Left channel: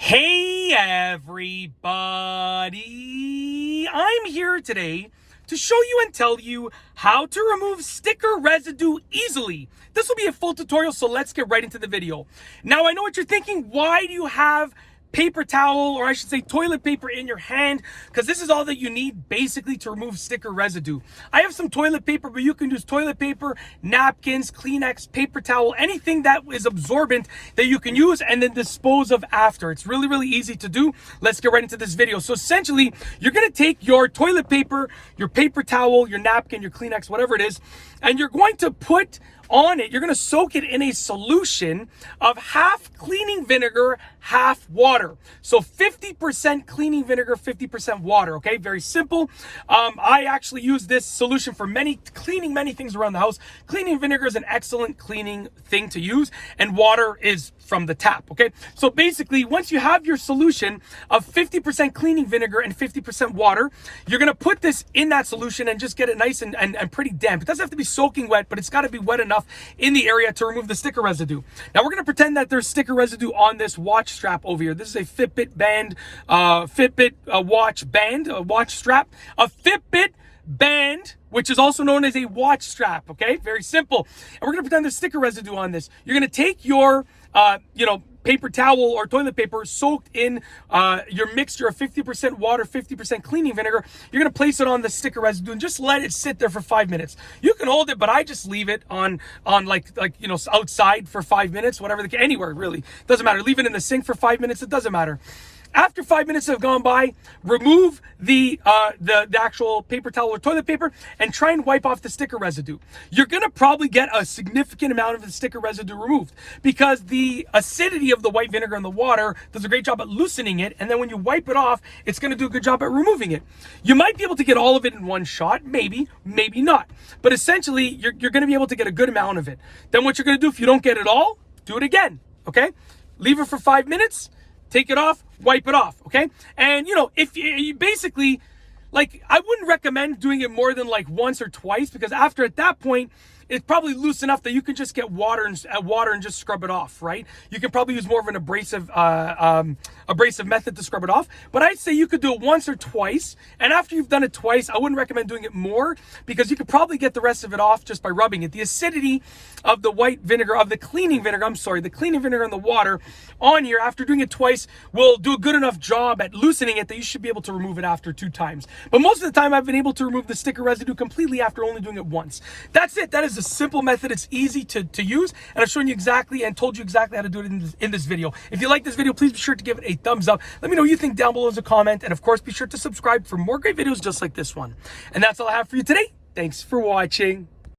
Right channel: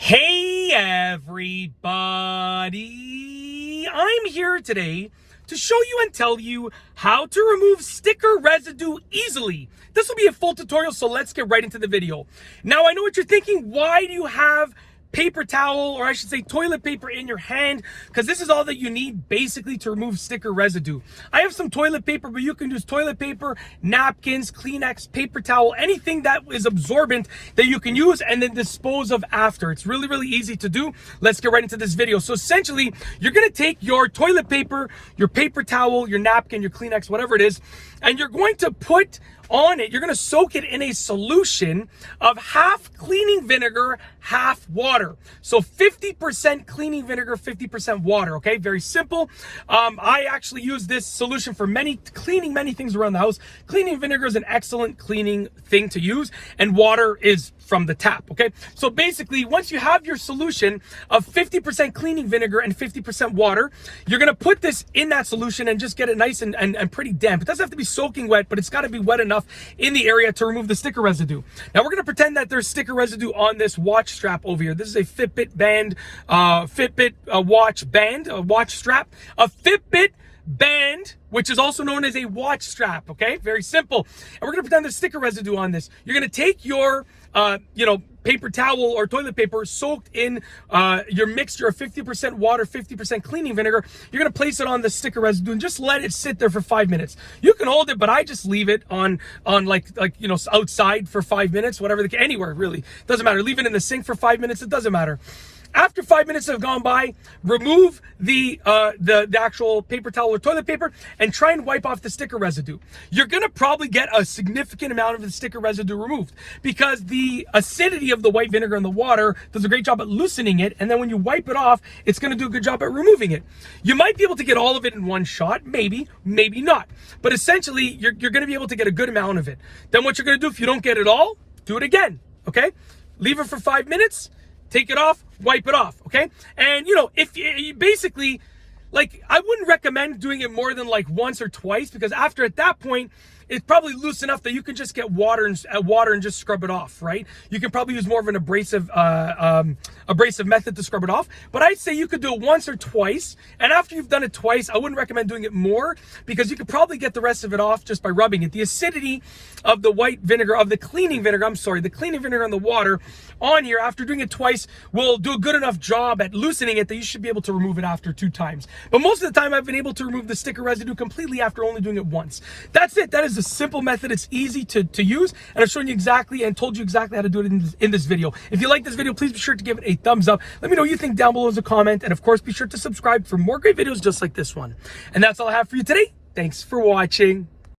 Hey everybody, I'm here today to show you and tell you how to remove sticker residue easily. This will be a full tutorial, so let's get right into the video. Now, I know what you're thinking. Why do you have paper towel, or I should say toilet paper, in your hand? Because this is all that you need basically to remove sticker residue. I have some toilet paper, but you can use toilet paper, napkins, Kleenex, paper towel, anything that is absorbent that you can use and then dispose of after. It's really, really easy to do. Let's get right into this video. So essentially, you're going to take your toilet paper, your paper towel, your napkin, your Kleenex, whatever it is, and you're going to put on it, you're going to soak it in a solution of half cleaning vinegar, half water. So 50% cleaning vinegar, 50% water. Okay, very simple. I actually use this solution for cleaning many things around the house. Cleaning vinegar is an excellent cleaning thing to use, and water is from the tap. Okay, so basically, once you have your solution of 50% cleaning vinegar and 50% water, you're going to put this in that solution and just get it nice and pretty damp. It doesn't have to be soaking wet, but it's got to be wet enough in the area to remove the sticker residue. Now we're going to pretend that there's sticker residue on this watch strap over here. This is a Fitbit band, watch band, a watch strap, a Fitbit band, which is also known as a watch strap. Okay, very simple. And we're going to pretend there's sticker residue on this. You're going to take your paper towel or toilet paper soaked in your mixture of 50% water, 50% cleaning vinegar. You're going to place it on the sticker residue and just let it sit there for 5 minutes. You can hold it, but I just leave it on outside for 5 minutes, anywhere really. Doesn't matter. Leave it in the sink for 5 minutes. It doesn't matter. After 5 minutes have gone by, remove the actual paper towel or toilet paper and try and wipe off the sticker residue. You're going to probably get a significant amount of the sticker residue removed because the acidity of the white vinegar in the water does a great job at loosening it, and then when you wipe it off, it's going to do a good job at removing it. You might be able to get all of it in one shot, maybe not. But essentially, you're going to be able to get a good amount of it. Then what you're going to do, if you don't get it all, do it again, okay? Leave it for 5 minutes. Take it off, wipe it off, okay? And, if you basically, I wouldn't recommend doing it more than once or twice, because after, at that point, it's probably loose enough that you can just get water and just scrub it off, right? You can probably use more of an abrasive method to scrub it off. But I'd say you could do it once or twice. And after you've done it twice, I wouldn't recommend doing it more, because you could probably get the rest of it off just by rubbing it. The acidity of the white vinegar, the cleaning vinegar in the water on here, after doing it twice, will do a good enough job at loosening it that you should be able to remove it after 2 times. But most of the time, I've been able to remove the sticker residue completely after only doing it once. That's it. That is a simple method. It's easy to use, and I've shown you exactly and told you exactly how to do it in this video. If you like this video, please be sure to give it a thumbs up. Let me know what you think down below as a comment, and of course, be sure to subscribe for more great videos just like this one. And that's all I have for you today. Thanks for watching.